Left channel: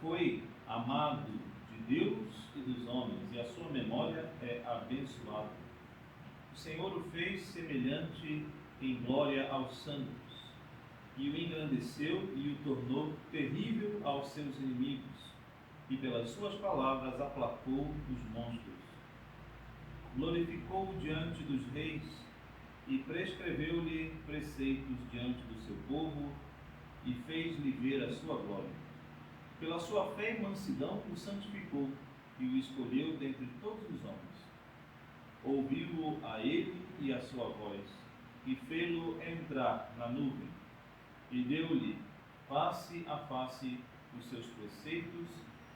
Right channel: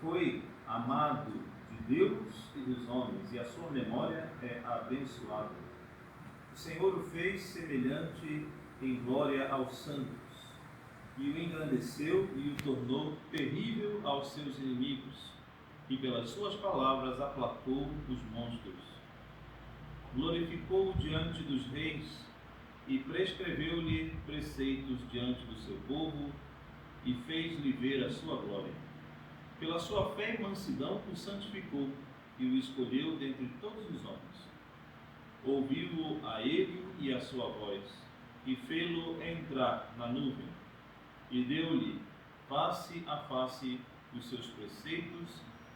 Foi amado de Deus e dos homens, e a sua memória é abençoada. O Senhor o fez semelhante em glória aos santos, e o engrandeceu e o tornou terrível aos seus inimigos, e pelas suas palavras aplacou os monstros. Glorificou-o diante dos reis, e prescreveu-lhe preceitos diante do seu povo, e fez-lhe ver a sua glória. Pela sua fé e mansidão o santificou, e o escolheu dentre todos os homens. Ouviu-o a ele e a sua voz, e fê-lo entrar na nuvem, e deu-lhe face a face os seus preceitos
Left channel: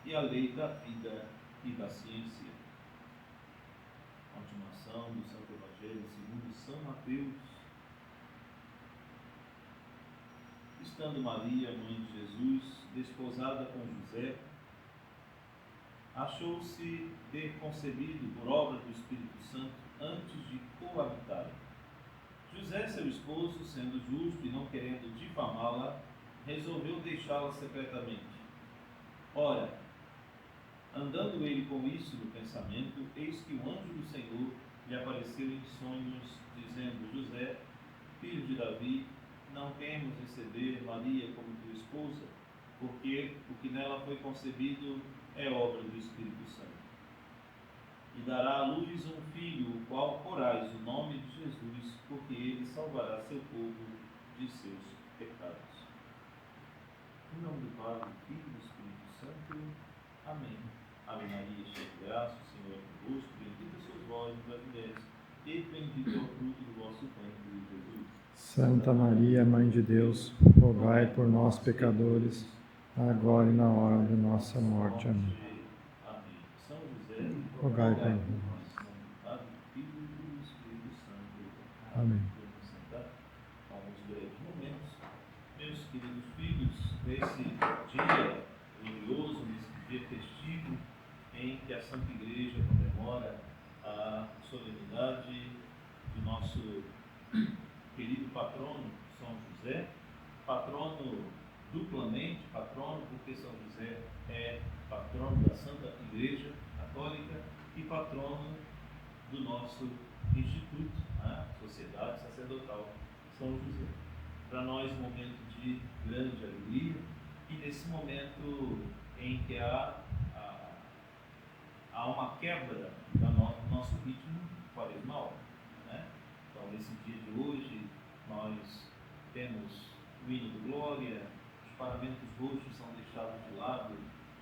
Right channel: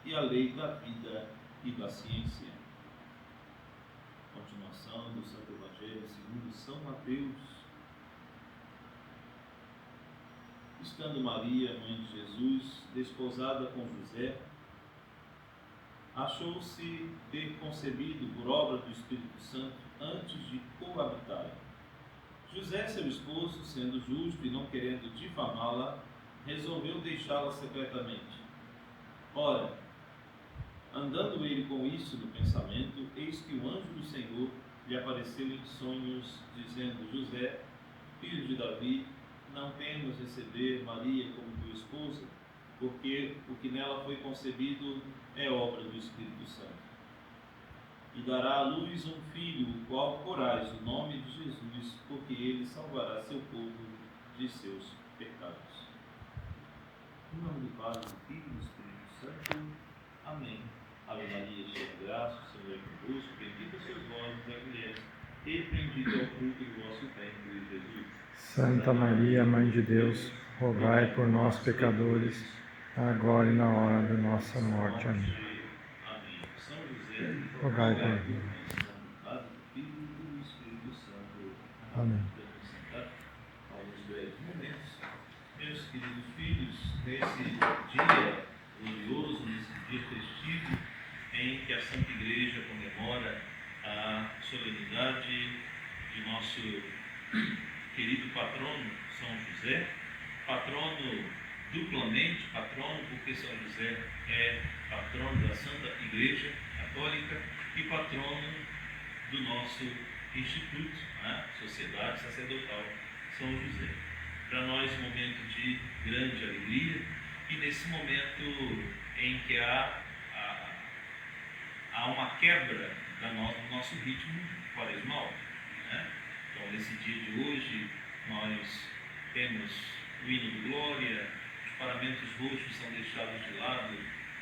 e a lei da vida e da ciência. Continuação do Santo Evangelho segundo São Mateus. Estando Maria, mãe de Jesus, desposada com José, achou-se ter concebido por obra do Espírito Santo antes de coabitarem. José, seu esposo, sendo justo e não querendo difamá-la, resolveu deixá-la secretamente. Ora, andando ele com isso no pensamento, eis que o anjo do Senhor lhe apareceu em sonhos, dizendo: José, filho de Davi, não temas receber Maria como tua esposa, porque o que nela foi concebido é obra do Espírito Santo. E dará à luz um filho, o qual porás o nome de Jesus, porque ele salvará seu povo de seus pecados. Em nome do Pai, do Filho e do Espírito Santo. Amém. Ave Maria, cheia de graça, o Senhor é convosco, bendita sois vós entre as mulheres, e bendito é o fruto do vosso ventre, Jesus. Santa Maria, Mãe de Deus, rogai por nós, pecadores, agora e na hora da nossa morte. Amém. São José, rogai por nós. Pai, do Filho e do Espírito Santo. Amém. Podemos sentar alguns breves momentos. Meus queridos filhos, nesse dia glorioso, nesse dia festivo, em que a Santa Igreja comemora a solenidade de nosso querido patrono São José, patrono duplamente, patrono porque São José é patrono da Santa Igreja Católica e patrono do nosso Instituto, a Sociedade Sacerdotal São José. Para nós, um momento de grande alegria, e nesse momento em que há uma quebra do nosso ritmo quaresmal, né? Então, nesse dia de hoje, nós temos o hino de glória, os paramentos roxos são deixados de lado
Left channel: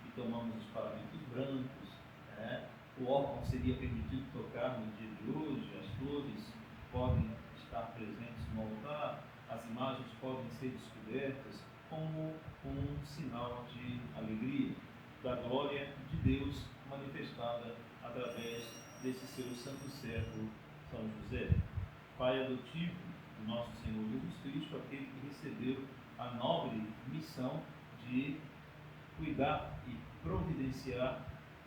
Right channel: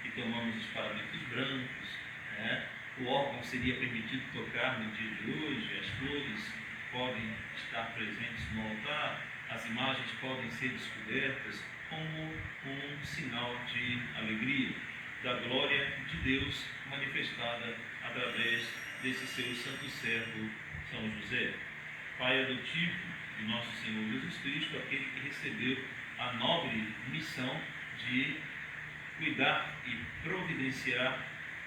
e tomamos os paramentos brancos, né? O órgão seria permitido tocar no dia de hoje, as flores podem estar presentes no altar, as imagens podem ser descobertas como um sinal de alegria, da glória de Deus manifestada através desse seu santo servo, São José, pai adotivo de nosso Senhor Jesus Cristo, aquele que recebeu a nobre missão de cuidar e providenciar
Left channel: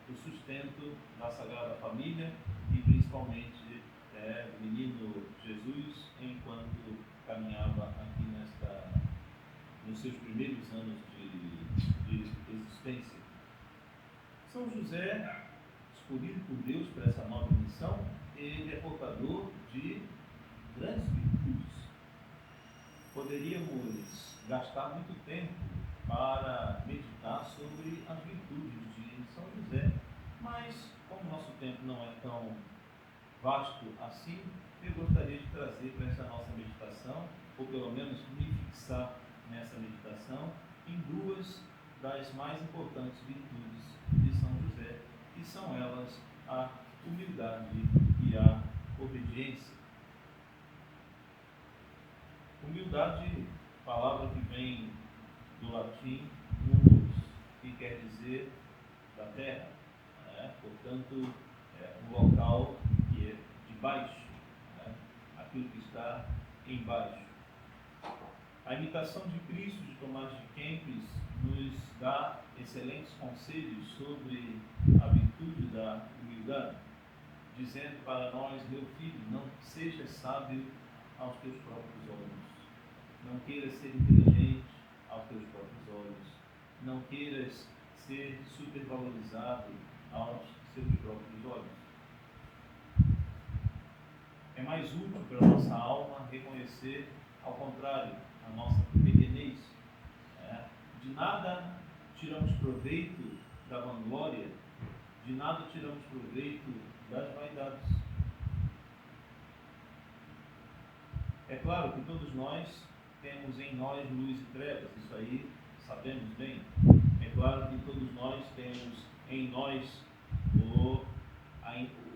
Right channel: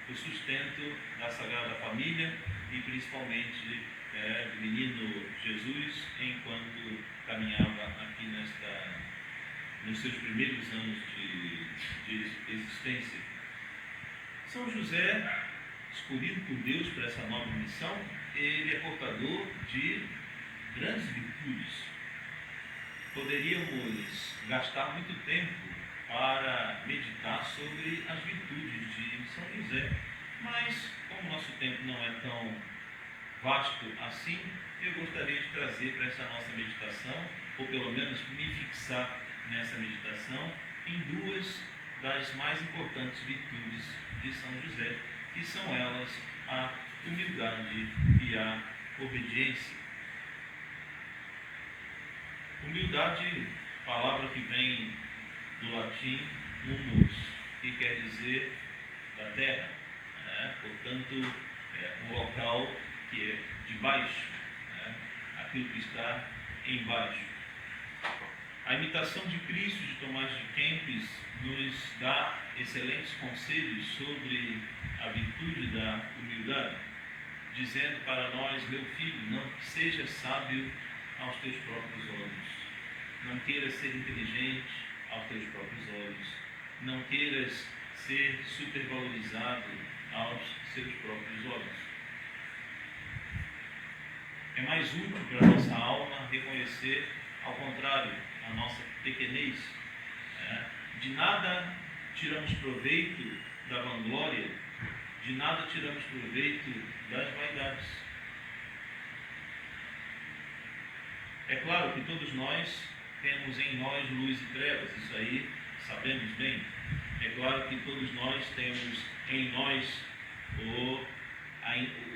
o sustento da Sagrada Família e principalmente do menino Jesus, enquanto caminhava aqui nos seus primeiros anos de existência. São José, escolhido por Deus para essa nova missão, ele é portador de grandes virtudes. Poderíamos gastar muito tempo para meditar sobre as virtudes de São José, mas como nosso tempo não é tão vasto assim, eu gostaria de trazer para essa nossa meditação, ou pelo menos me fixar nessa meditação, em duas das mais importantes virtudes de São José, que são elas a humildade e a obediência. Humildade, palavra que vem do latim humus, que quer dizer da terra, né? Portanto, um local que é de baixo, né? Aquilo que está embaixo. A imitação de Cristo de Tomás de Kempis nos dá excelentes conselhos sobre a virtude da humildade, dizendo para nós: meu filho, não seja sábio aos teus próprios olhos, não queiras ser inteligente aos teus próprios olhos, não queiras ser supervalorizado aos seus próprios olhos. É mais útil para a nossa alma reconhecer, ao contrário, a nossa pequenez. De nada tiramos proveito da vanglória, de nada tiramos proveito das vaidades. É claro que todos nós temos em nós luz e trevas, isso aí sabemos bem. É claro que todos nós temos em nós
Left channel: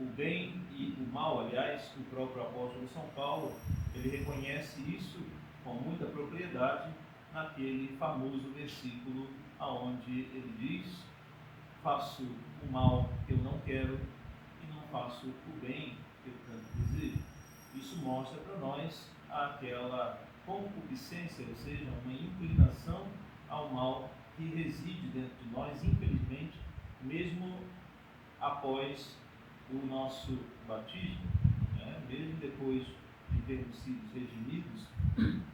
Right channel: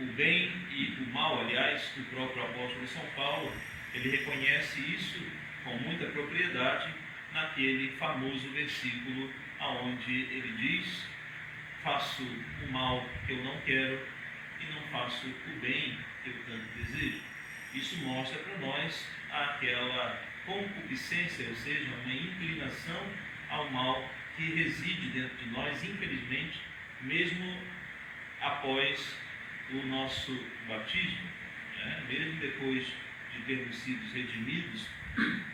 o bem e o mal. Aliás, o próprio apóstolo São Paulo, ele reconhece isso com muita propriedade naquele famoso versículo aonde ele diz: faço o mal que eu não quero e não faço o bem que eu tanto desejo. Isso mostra para nós aquela concupiscência, ou seja, uma inclinação ao mal que reside dentro de nós, infelizmente, mesmo após o nosso batismo, mesmo depois de termos sido redimidos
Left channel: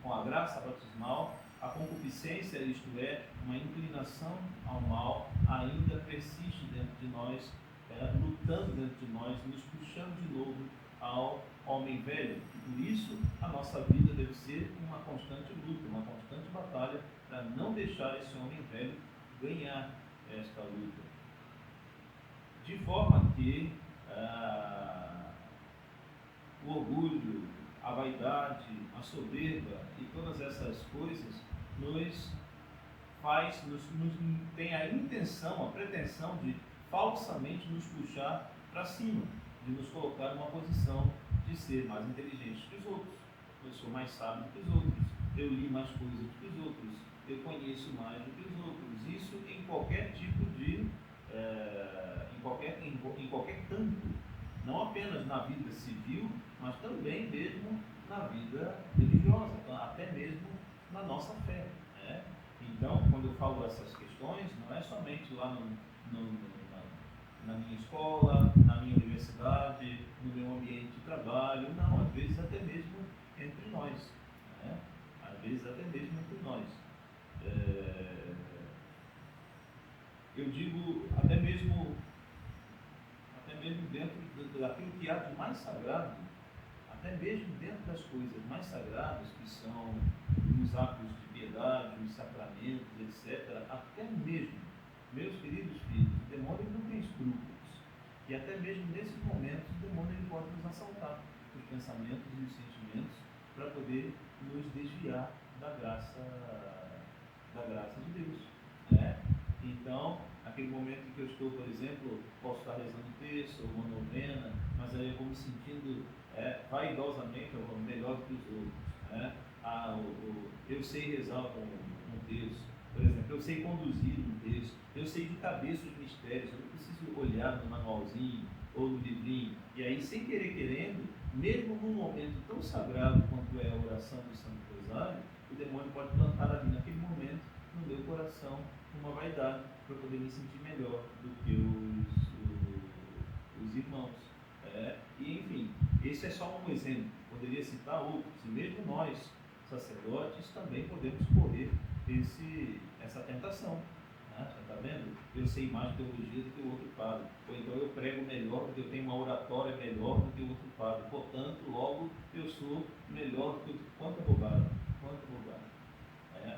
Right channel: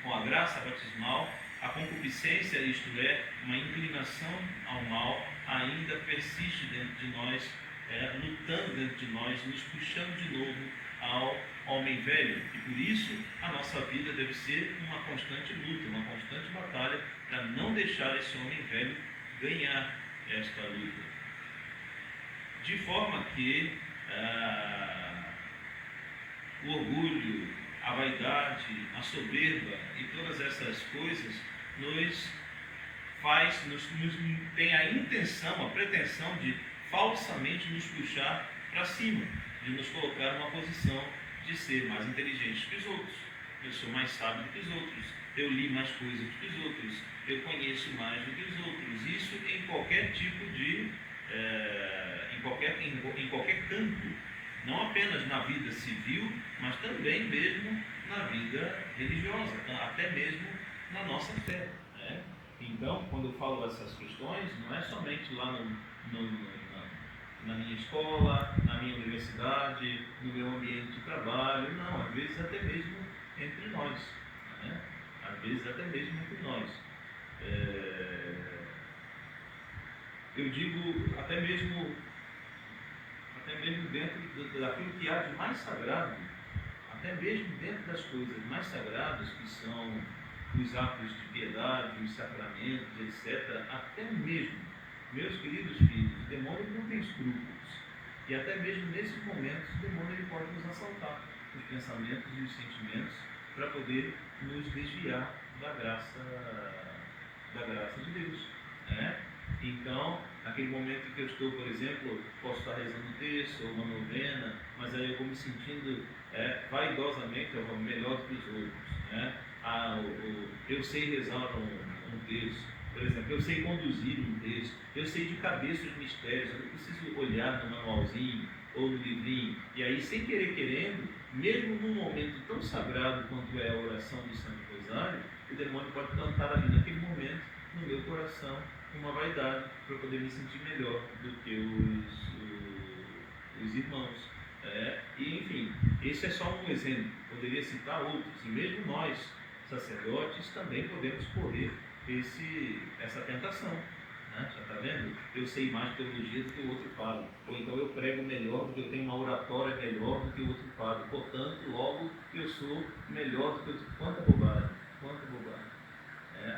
com a graça batismal, a concupiscência, isto é, uma inclinação ao mal, ainda persiste dentro de nós, lutando dentro de nós, nos puxando de novo ao homem velho. E por isso a nossa vida deve ser uma constante luta, uma constante batalha para não deixar esse homem velho ganhar esta luta. De forma que o orgulho, a vaidade, a soberba e todas essas coisas tem a intenção, a pretensão de falsamente nos puxar para cima, de nos colocar numa posição de ser mais inteligente que os outros. Eu sou mais sábio que os outros, eu li mais coisas que os outros, eu conheço mais do que os outros. Isso em qualquer tipo de em qualquer campo, não apenas na vida civil, mas também mesmo na vida religiosa, até mesmo na nossa fé. Então, quando eu falo dessas questões, não é somente lá na minha escola, na minha universidade, no meu ambiente de trabalho, não, às vezes até mesmo entre nós. Às vezes até mesmo entre nós. Eu digo até mesmo dentro daquilo que há de mais sagrado, até mesmo dentro das coisas mais sagradas, que são os atos de piedade, os sacramentos, etc., até mesmo, meus queridos filhos, o demônio não tem escrúpulos. E até mesmo nesses momentos, o demônio ele pode nos assaltar, os pensamentos e os sentimentos, para poder nos desviar da graça de Deus. Então, naquele momento em que eu estou, por exemplo, posso estar rezando um texto ou uma novena, mas aí eu vou me sentindo vaidosamente melhor do que os outros. Eu sei rezar um texto, por exemplo, eu sei conduzir um texto, eu sei de cabeça os mistérios, eu não preciso olhar no manualzinho ou no livrinho. E aí, sem querer querendo, mesmo num momento tão sagrado quanto é a oração do Santo Rosário, o demônio pode plantar ali naquele momento, no meu coração, uma vaidade para poder me sentir melhor do que os irmãos. E enfim, esse é só um exemplo, poderia citar outros, e mesmo nós, sacerdotes, também podemos correr essa tentação. Já está vendo? Eu sei mais teologia do que o outro padre, ou então eu prego melhor, porque eu tenho uma oratória melhor do que o outro padre, portanto, logo eu sou melhor do que o outro. Quanta bobagem, quanta bobagem.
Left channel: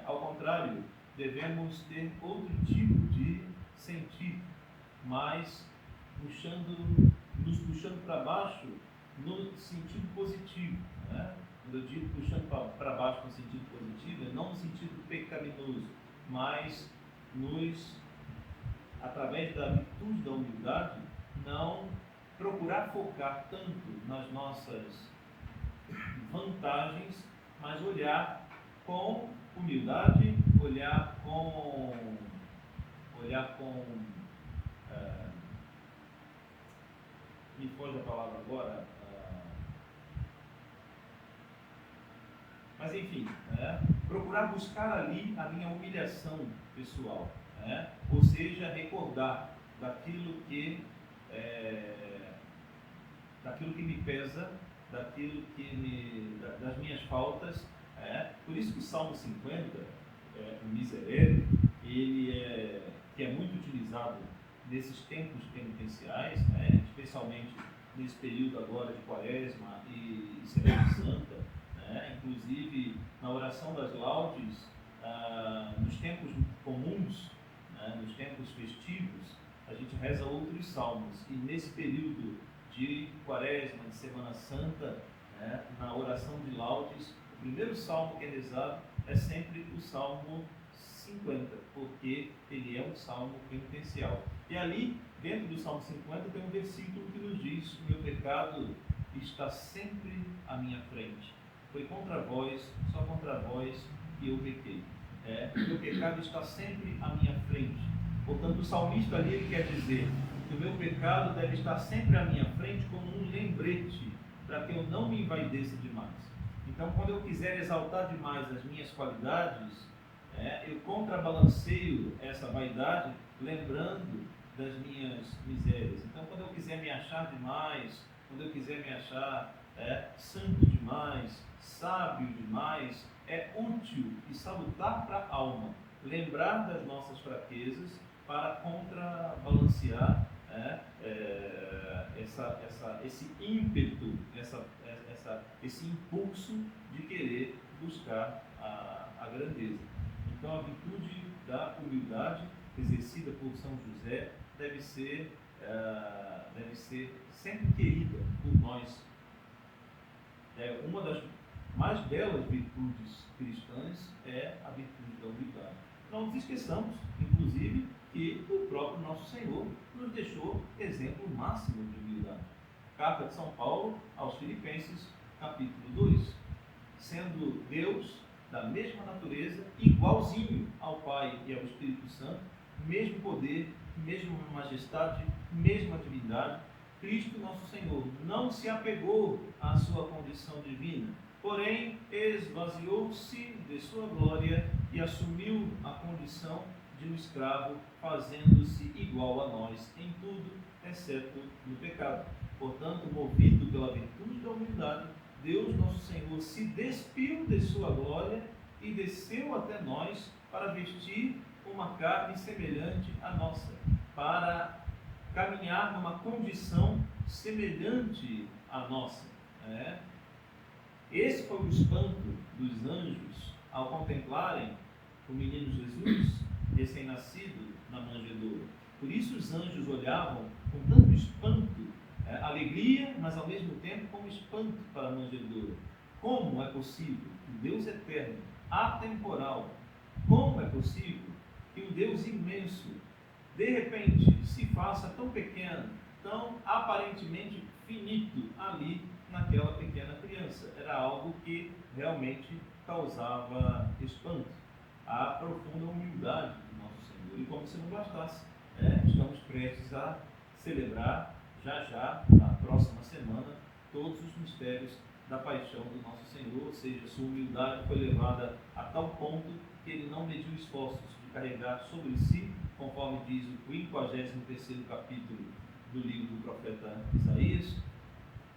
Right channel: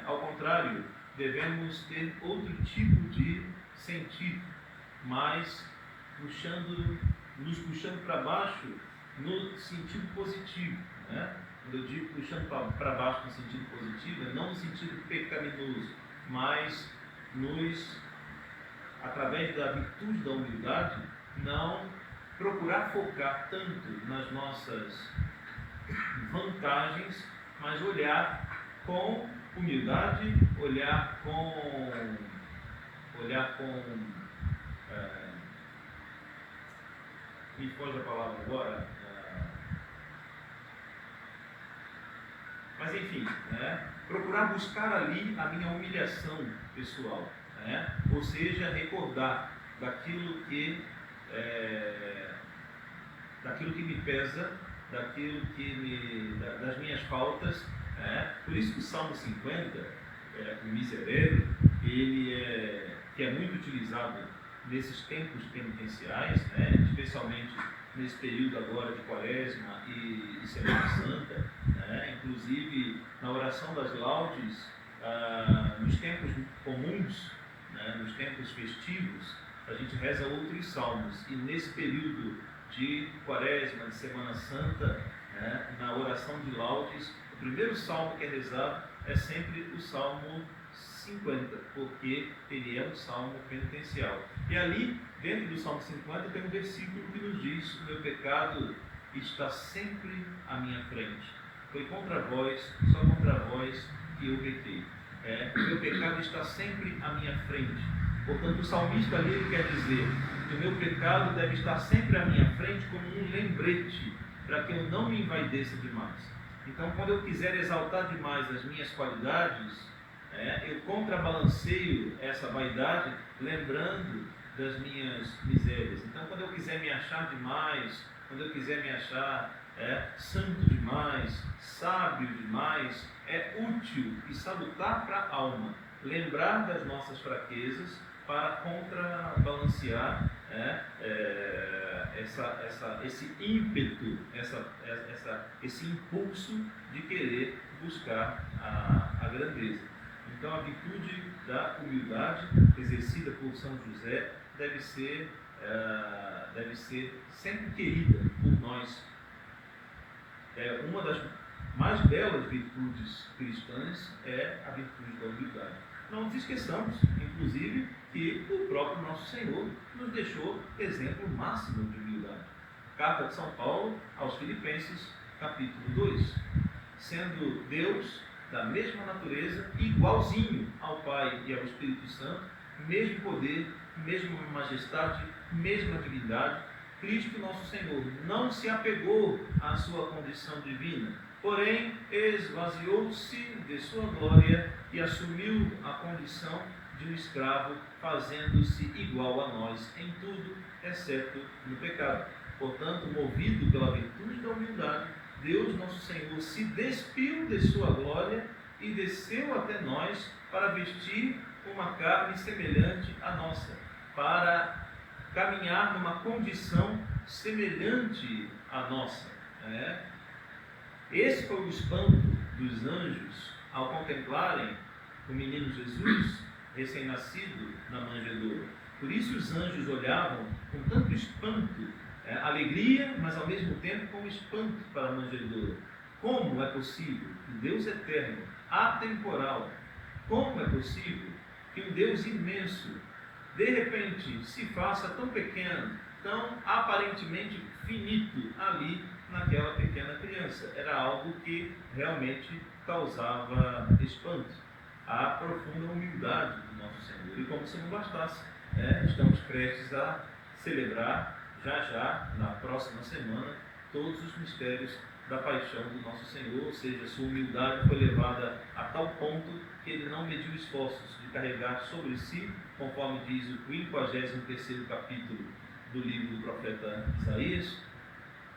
Ao contrário, devemos ter outro tipo de sentido, mas nos puxando para baixo no sentido positivo. Quando eu digo puxando para baixo no sentido positivo, não no sentido pecaminoso, mas através da virtude da humildade, não procurar focar tanto nas nossas vantagens, mas olhar com humildade, olhar com me foge a palavra agora, mas enfim, procurar buscar ali a minha humilhação pessoal, ou seja, recordar daquilo que me pesa, das minhas faltas. Por isso que o Salmo 50, o miserável, que é muito utilizado realizado nesses tempos penitenciais, né, especialmente nesse período agora de Quaresma e Semana Santa, né, inclusive na oração das laudes, nos tempos comuns, né, nos tempos festivos, a gente reza outros salmos, e nesse período de Quaresma, de Semana Santa, né, na oração de laudes, o primeiro salmo que é rezado é sempre o Salmo 50, porque ele é um salmo penitencial. E ali, dentro do Salmo 50, tem um versículo que nos diz: o meu pecado está sempre à minha frente. Foi contra vós, só contra vós que eu pequei. O meu pecado está sempre à minha frente. Portanto, o salmista ali quer dizer que o meu pecado deve estar sempre à minha frente como um lembrete, para que eu não me envaideça demais. Então, quando eu quiser exaltar demais as minhas qualidades, eu contrabalanceio essa vaidade lembrando das minhas misérias. Então, quando eu quiser me achar demais, quando eu quiser me achar santo demais, sábio demais, é útil e salutar para a alma lembrar das nossas fraquezas para contrabalancear esse ímpeto, esse impulso de querer buscar a grandeza. Então, a virtude da humildade exercida por São José deve ser sempre querida por nós. Uma das mais belas virtudes cristãs é a virtude da humildade. Não nos esqueçamos, inclusive, que o próprio nosso Senhor nos deixou exemplo máximo de humildade. Carta de São Paulo aos Filipenses, capítulo 2. Sendo Deus da mesma natureza, igualzinho ao Pai e ao Espírito Santo, mesmo poder, mesma majestade, mesma divindade, Cristo nosso Senhor não se apegou à sua condição divina, porém esvaziou-se de sua glória e assumiu a condição de um escravo, fazendo-se igual a nós em tudo, exceto no pecado. Portanto, movido pela virtude da humildade, Deus nosso Senhor se despiu de sua glória e desceu até nós para vestir uma carne semelhante à nossa, para caminhar numa condição semelhante à nossa. Esse foi o espanto dos anjos ao contemplarem o menino Jesus recém-nascido na manjedoura. Por isso os anjos olhavam com tanto espanto, alegria, mas ao mesmo tempo com espanto para a manjedoura. Como é possível que Deus eterno, atemporal, como é possível que um Deus imenso, de repente, se faça tão pequeno, tão aparentemente finito ali naquela pequena criança? Era algo que realmente causava espanto. A profunda humildade do nosso Senhor. E como se não bastasse, estamos prestes a celebrar já, na próxima semana, todos os mistérios da paixão do nosso Senhor, ou seja, sua humildade foi levada a tal ponto que ele não mediu esforços de carregar sobre si, conforme diz o 53º capítulo do livro do profeta Isaías,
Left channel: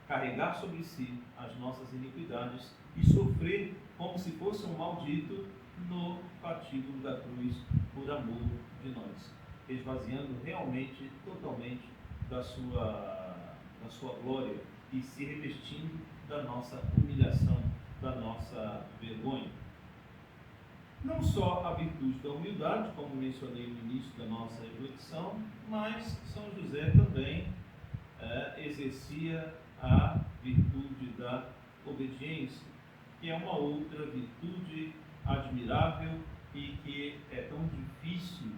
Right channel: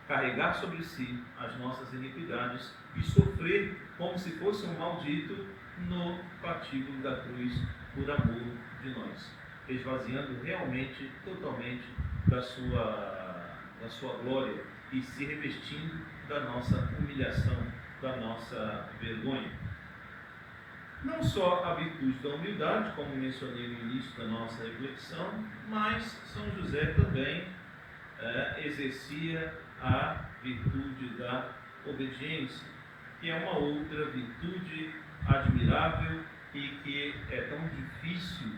carregar sobre si as nossas iniquidades e sofrer como se fosse um maldito no patíbulo da cruz por amor de nós, esvaziando realmente, totalmente da sua glória e se revestindo da nossa humilhação, da nossa vergonha. Não só a virtude da humildade, como mencionei no início da nossa reflexão, mas São José também exercia a virtude da obediência, que é uma outra virtude admirável e que é tão difícil,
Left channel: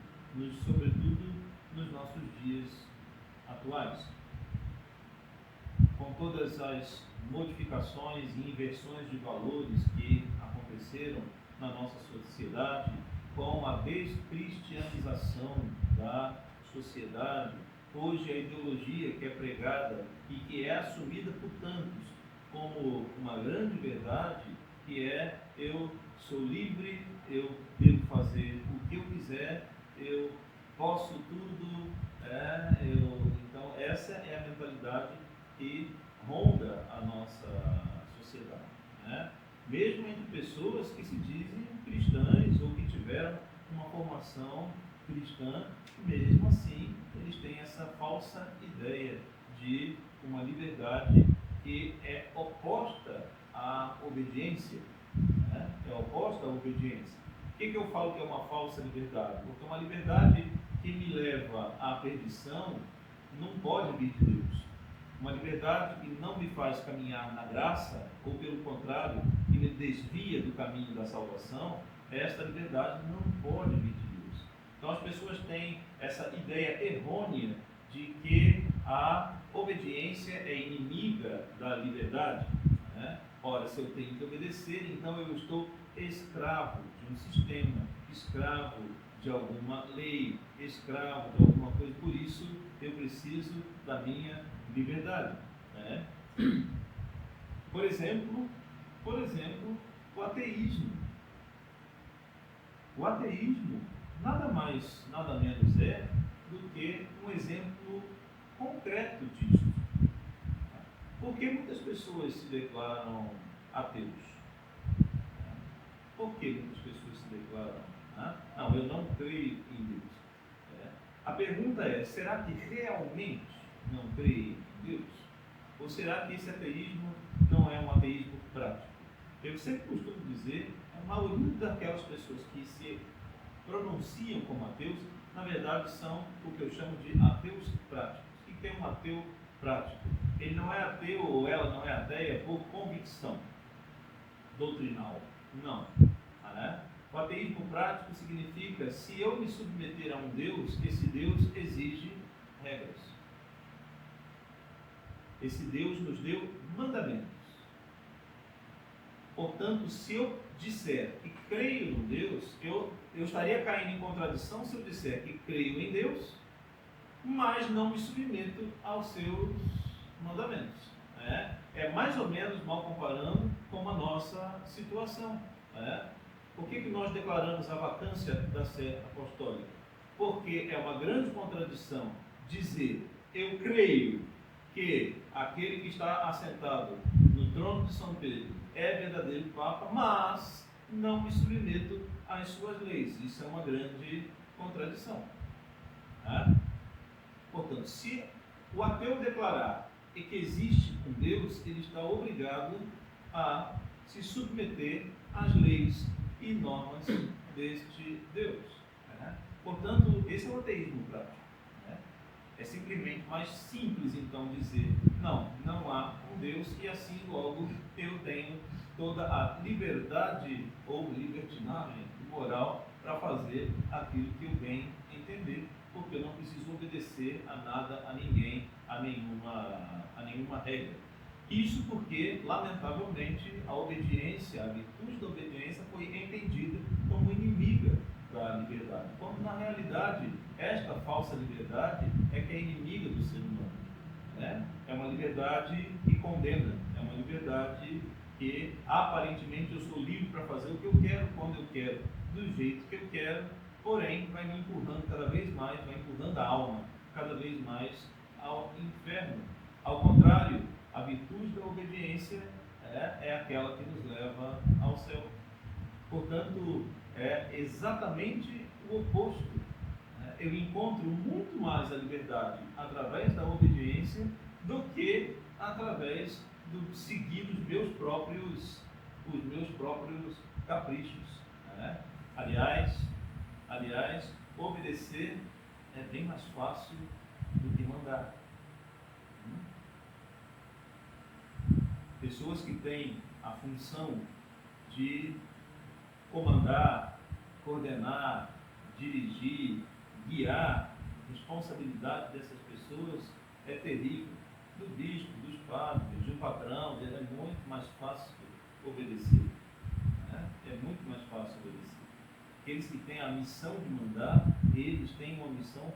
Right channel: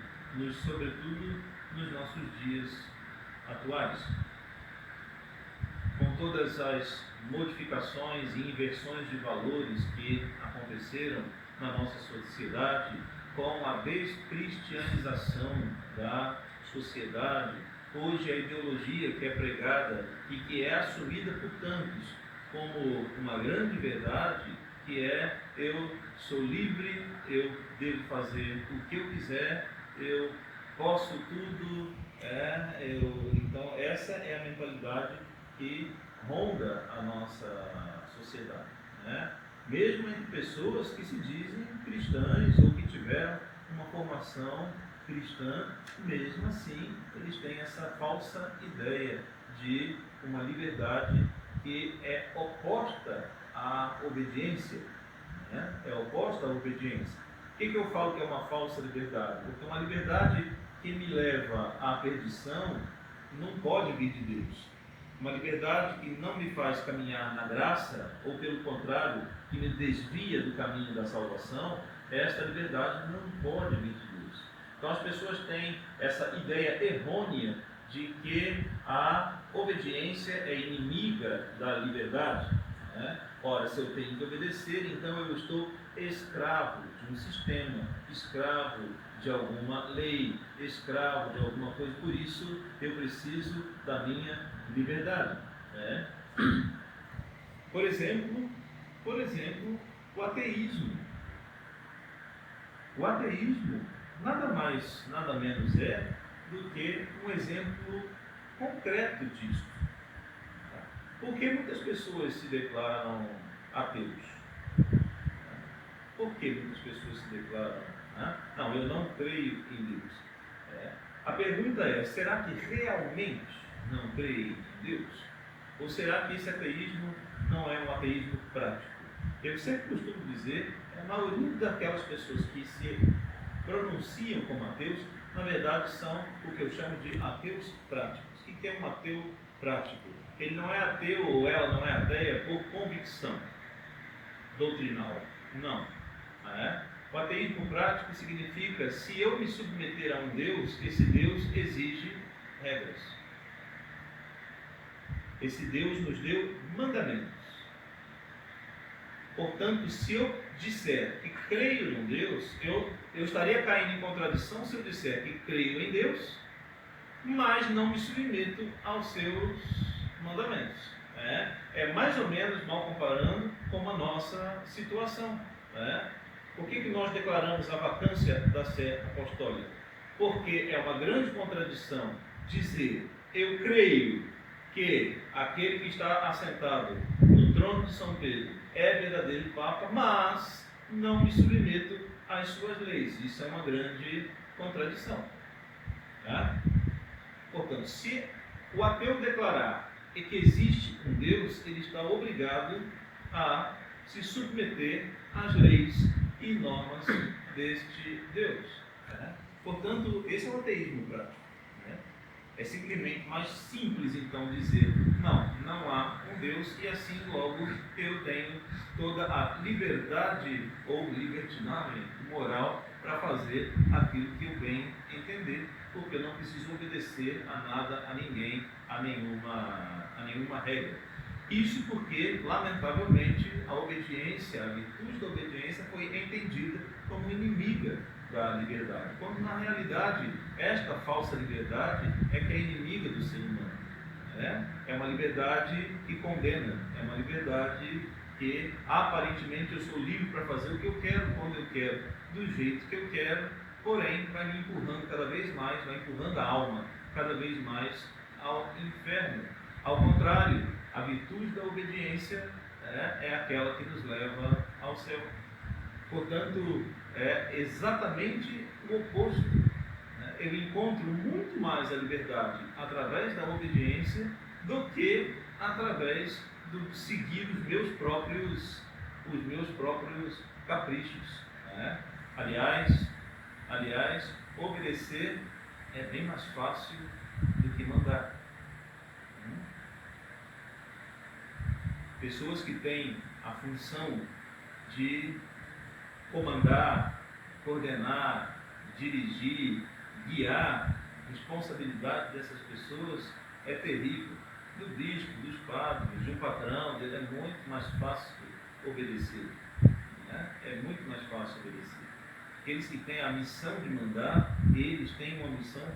sobretudo nos nossos dias atuais. Com todas as modificações e inversões de valores que aconteceram na nossa sociedade, com a descristianização da sociedade, hoje a ideologia que é pregada e que é assumida por tantos como uma grande verdade, que é: eu sou livre, eu devo fazer o que eu quiser, eu posso tudo. Então essa é a mentalidade que ronda a nossa sociedade, mesmo entre pessoas que se dizem cristãs ou que tiveram uma formação cristã, mesmo assim, eles têm essa falsa ideia de uma liberdade que é oposta à obediência, né? É oposta à obediência. Por que eu falo que é uma falsa liberdade? Porque uma liberdade que me leva à perdição não pode vir de Deus. Uma liberdade que não me faz caminhar na graça, ou pelo contrário, que me desvia do caminho da salvação, esta liberdade não pode vir de Deus. Então as pessoas têm essa ideia errônea de que a obediência é inimiga da liberdade, né? Ora, se eu tenho que obedecer, então eu estou escravo de um sistema, escravo de alguma lei, escravo de alguma coisa, por isso eu preciso da minha liberdade, né? Por exemplo, o ateísmo. O ateísmo nada mais, nada menos é do que um exemplo concreto disso. Por que muitas pessoas se declaram ateus? Por que muitas pessoas se declaram? Não, eu não creio em Deus. A pergunta é, será que realmente não creem em Deus? Ou será que esse ateísmo não é um ateísmo prático? Eu sempre costumo dizer, a maioria daquelas pessoas que se pronunciam como ateus, na verdade são o que eu chamo de ateus práticos. O que é um ateu prático? Ele não é ateu ou ela não é ateia por convicção doutrinal. Não. O ateísmo prático significa, se eu me submeter a um Deus, esse Deus exige regras. Esse Deus nos deu mandamentos. Portanto, se eu disser que creio em Deus, eu estaria caindo em contradição se eu disser que creio em Deus, mas não me submeto aos seus mandamentos. É mais ou menos, mal comparando, com a nossa situação. Por que nós declaramos a vacância da sé apostólica? Porque é uma grande contradição dizer, eu creio que aquele que está assentado no trono de São Pedro é verdadeiro Papa, mas não me submeto às suas leis. Isso é uma grande contradição. Portanto, se o ateu declarar que existe um Deus, ele está obrigado a se submeter às leis e normas deste Deus. Portanto, esse é o ateísmo prático. É simplesmente mais simples, então, dizer, não há um Deus e assim logo eu tenho toda a liberdade ou libertinagem moral para fazer aquilo que eu bem entender, porque eu não preciso obedecer a nada, a ninguém, a nenhuma regra. Isso porque, lamentavelmente, a obediência, a virtude da obediência foi entendida como inimiga da liberdade, quando na realidade esta falsa liberdade é que é inimiga do ser humano. É uma liberdade que condena, é uma liberdade que aparentemente eu sou livre para fazer o que eu quero, quando eu quero, do jeito que eu quero, porém vai me empurrando cada vez mais, vai empurrando a alma cada vez mais ao inferno. Ao contrário, a virtude da obediência é aquela que nos leva ao céu. Portanto, é exatamente o oposto. Eu encontro muito mais a liberdade através da obediência do que através do seguir os meus próprios caprichos. Aliás, obedecer é bem mais fácil do que mandar. Pessoas que têm a função de comandar, coordenar, dirigir, guiar, a responsabilidade dessas pessoas é terrível. Do bispo, dos padres, de um patrão, é muito mais fácil obedecer. É muito mais fácil obedecer. Aqueles que têm a missão de mandar, eles têm uma missão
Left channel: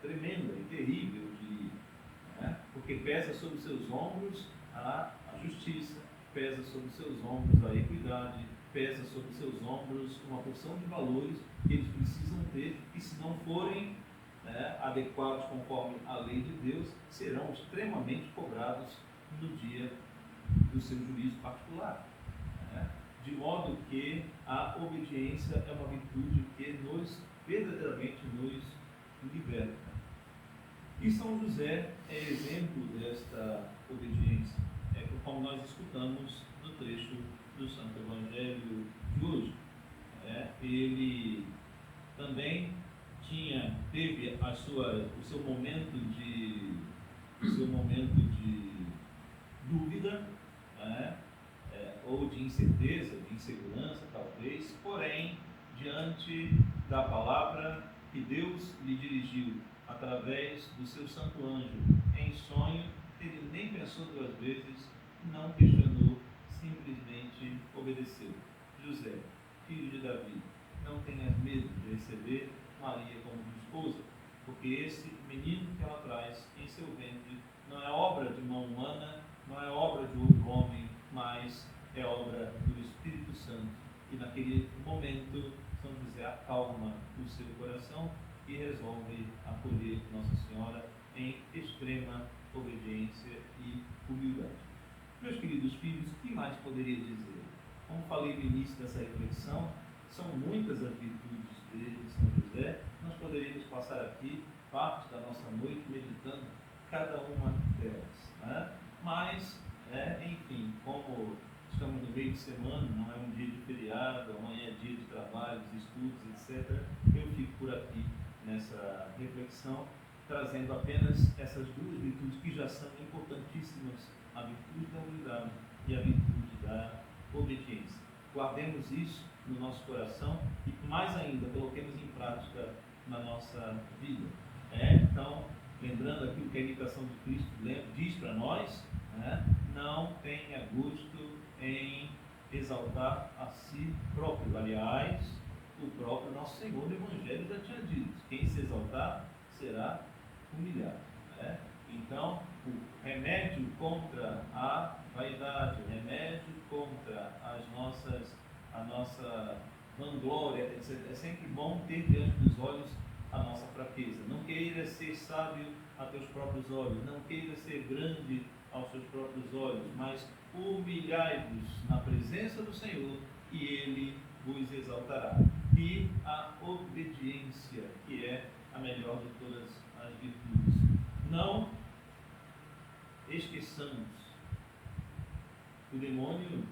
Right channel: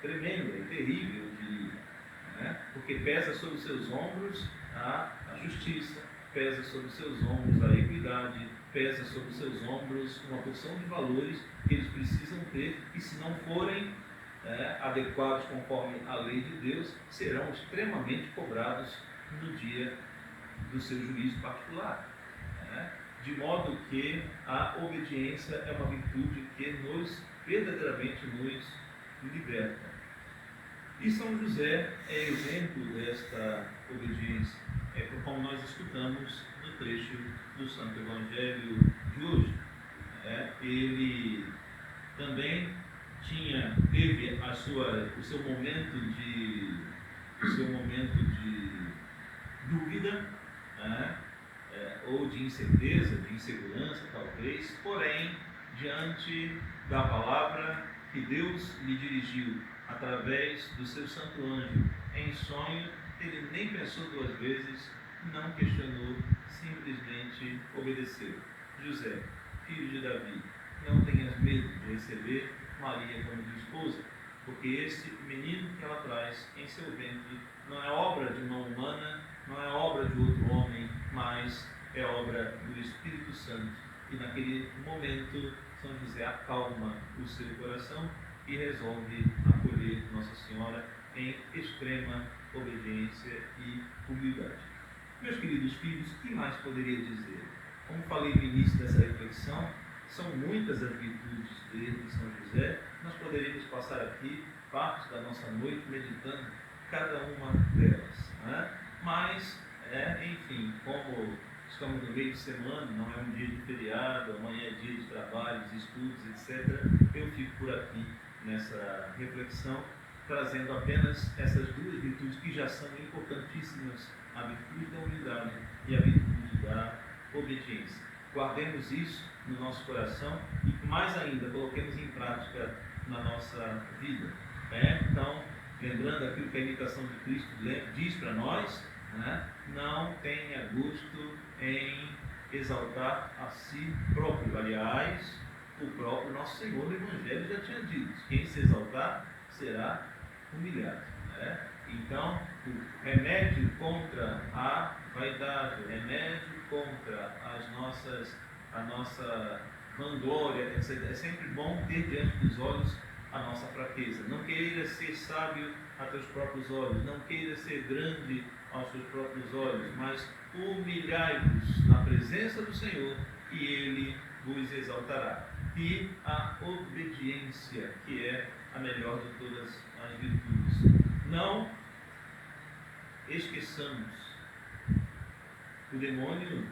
tremenda e terrível, eu diria. Porque pesa sobre os seus ombros a justiça, pesa sobre os seus ombros a equidade, pesa sobre os seus ombros uma porção de valores que eles precisam ter, e se não forem adequados conforme a lei de Deus, serão extremamente cobrados no dia do seu juízo particular. De modo que a obediência é uma virtude que nos verdadeiramente nos liberta. E São José é exemplo desta obediência, como nós escutamos no trecho do Santo Evangelho de hoje. Ele também teve o seu momento de dúvida, ou de incerteza, de insegurança talvez, porém, diante da palavra que Deus lhe dirigiu através do seu santo anjo em sonho, ele nem pensou duas vezes, não questionou, simplesmente obedeceu. José, filho de Davi, não tenhas medo de receber Maria como tua esposa, porque este menino que ela traz em seu ventre não é obra de mão humana, não é obra de outro homem, mas é obra do Espírito Santo. E naquele momento, São José acalma o seu coração e resolve acolher Nossa Senhora em extrema obediência e humildade. Meus queridos filhos, o que mais poderia dizer? Como falei no início dessa reflexão, são muitas as virtudes de São José. Nós poderíamos passar aqui parte da nossa noite meditando cada uma delas, Mas, enfim, como estamos no meio de semana, não é um dia de feriado, amanhã é dia de trabalhos, estudos, etc., eu fico por aqui nessa reflexão, trazendo apenas essas duas virtudes que já são importantíssimas, a virtude da humildade e a virtude da obediência. Guardemos isso no nosso coração e, mais ainda, coloquemos em prática na nossa vida. Então, lembrando aquilo que a imitação de Cristo diz para nós, não tenha gosto em exaltar a si próprio. Aliás, o próprio nosso Senhor no Evangelho já tinha dito: quem se exaltar será humilhado. Então, o remédio contra a vaidade, o remédio contra a nossa vanglória, etc., é sempre bom ter diante dos olhos a nossa fraqueza. Não queira ser sábio a teus próprios olhos, não queira ser grande aos teus próprios olhos, mas humilhai-vos na presença do Senhor e Ele vos exaltará. E a obediência, que é a melhor de todas as virtudes. Não esqueçamos, o demônio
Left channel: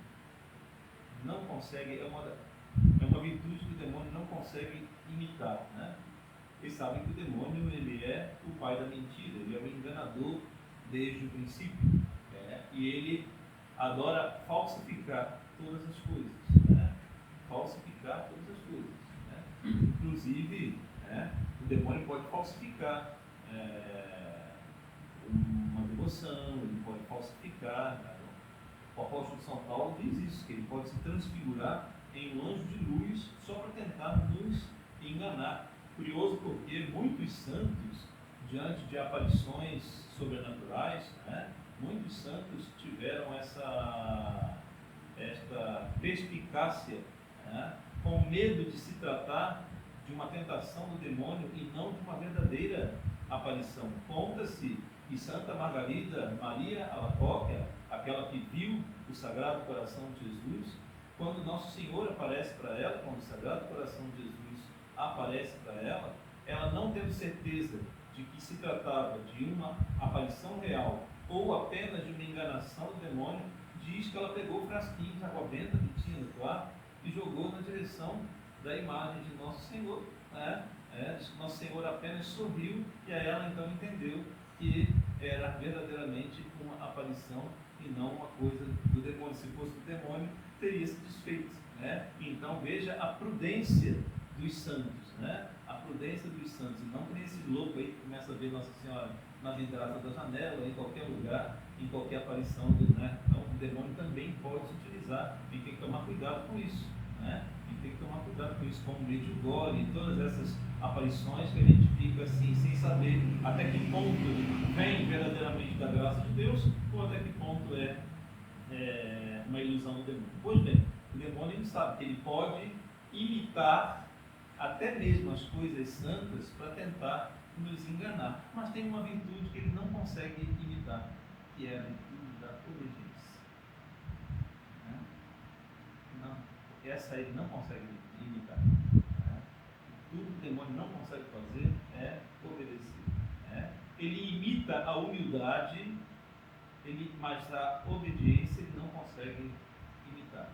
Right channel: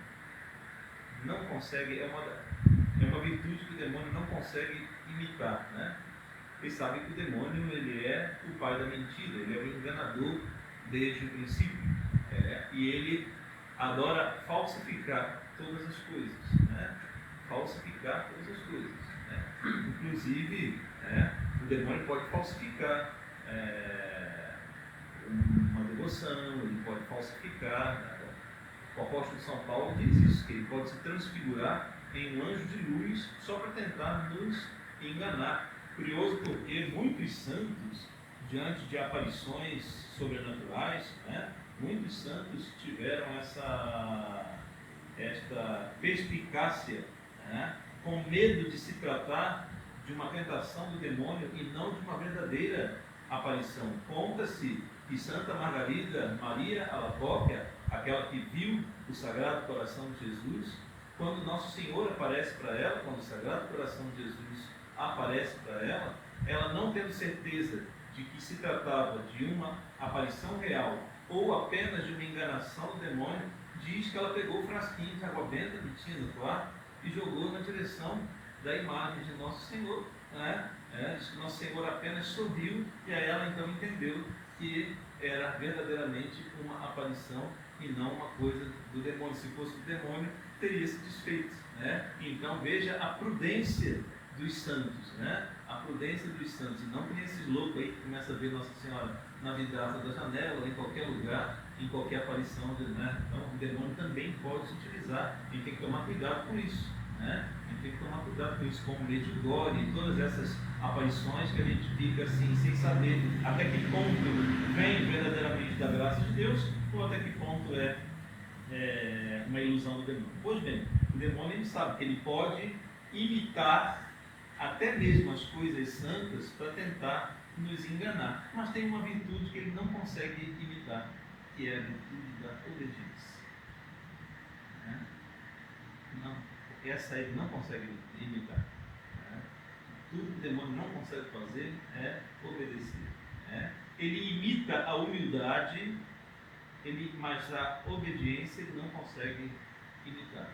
não consegue, é uma virtude que o demônio não consegue imitar, Vocês sabem que o demônio, ele é o pai da mentira, ele é o enganador desde o princípio, e ele adora falsificar todas as coisas, falsificar todas as coisas, Inclusive, o demônio pode falsificar uma devoção, ele pode falsificar. O apóstolo São Paulo diz isso, que ele pode se transfigurar em um anjo de luz só para tentar nos enganar. Curioso porque muitos santos, diante de aparições sobrenaturais, muitos santos tiveram esta perspicácia, com medo de se tratar de uma tentação do demônio e não de uma verdadeira aparição. Conta-se que Santa Margarida Maria Alacoque, aquela que viu o Sagrado Coração de Jesus, quando Nosso Senhor aparece para ela, quando o Sagrado Coração de Jesus aparece para ela, ela não tendo certeza de que se tratava de uma aparição real ou apenas de uma enganação do demônio, diz que ela pegou o frasquinho de água benta que tinha no quarto e jogou na direção da imagem de Nosso Senhor, diz que Nosso Senhor apenas sorriu e aí ela então entendeu que era verdadeiramente uma aparição e não uma coisa do demônio. Se fosse do demônio, teria se desfeito, Então veja a prudência dos santos, A prudência dos santos, e não que nem esses loucos aí que começam a ver Nossa Senhora na vidraça da janela, em qualquer lugar, em qualquer aparição, Então o demônio também pode se utilizar, e tem que tomar cuidado com isso, A gente tem que tomar cuidado com isso, como Medjugorje e todas essas aparições que a gente fica assim, sem saber até que ponto vem verdadeiramente da graça de Deus, ou até que ponto é uma ilusão do demônio. Pois bem, o demônio, ele sabe que ele pode imitar até mesmo as coisas santas para tentar nos enganar, mas tem uma virtude que ele não consegue imitar, que é a virtude da obediência. Não, essa ele não consegue imitar. Tudo que o demônio não consegue fazer é obedecer. Né? Ele imita a humildade, mas a obediência ele não consegue imitar.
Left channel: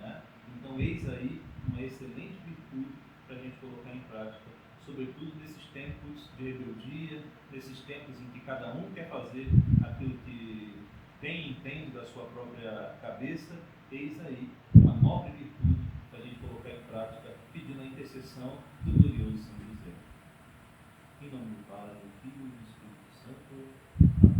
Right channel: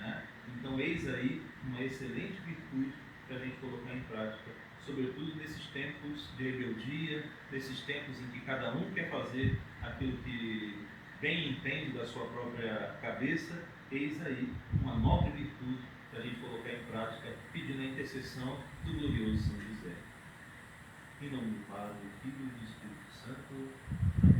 Né? Então, eis aí uma excelente virtude para a gente colocar em prática, sobretudo nesses tempos de rebeldia, nesses tempos em que cada um quer fazer aquilo que bem entende da sua própria cabeça. Eis aí uma nobre virtude para a gente colocar em prática, pedindo a intercessão do glorioso São José. Em nome do Pai, do Filho e do Espírito Santo.